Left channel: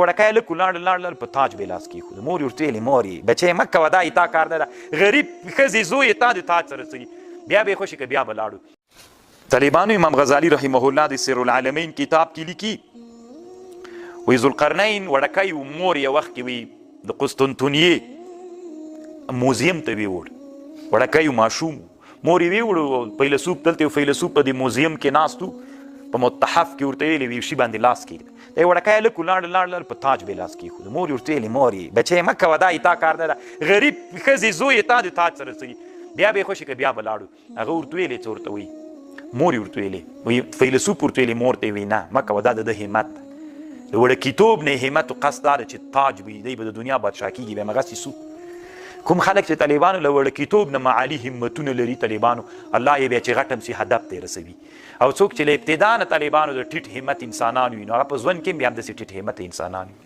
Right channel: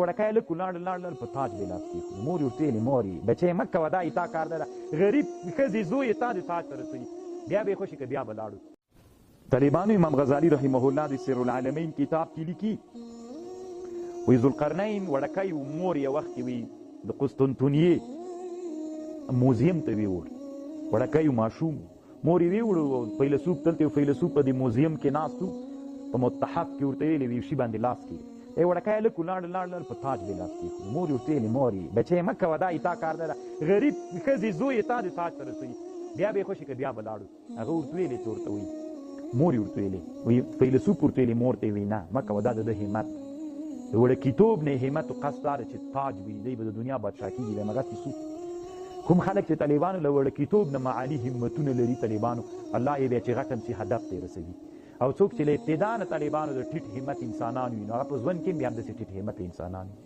وړکای هلک ولاړ په تاج به لاس کېښود. مور یې ورته ویلې مور یې بچی مه کوه دا یې تا کار نه ده، غریب ښځې زوی یې تا د تاج سره څه بیا به یې خوښي که بیا به لاړو. طالبانو امام غزالي رحمه الله د سیر العالمین کتاب کې لیکي وایي ذوالقرنین وړکی و، مور یې وخت کې وي د قسطنطنیې موزیم ته ویوړ، وړکی و ماشوم، مور یې ویوړو فیلسوف دلته یو فیلسوف په دې موزیم کې ناست و، په متحف کې ورته ویلې وي شي باندې لاس کېږده. دی وړکی هلک ولاړ په تاج به لاس کېښود. مور یې ورته ویلې مور یې بچی مه کوه دا یې تا کار نه ده، غریب ښځې زوی یې تا د تاج سره څه بیا به یې خوښي که بیا به لاړو. هغه ورته ویلې څه ورته وایي مور یې ورته ویلې وایي فیلسوف ورته ویلې مور ته یې وایي نه مه کوه دا د همت د وړکیتوب نه همت و قصد دا ده چې تاج وي دی به د دنیا بادشاه کېږي بیا همغسې سو. کوم خلک چې طالبانو له وړکیتوب نه معالي همتونه لري طالبانو الله یې بیا چې غټ هم سي هدف ته یې رسوي. او څوک چې له ابتدا نه طالبانو د ټیټ همت انسانان وي نو هغه په ژوند کې هم بیا همداسې ټیټ همت انسانان وي.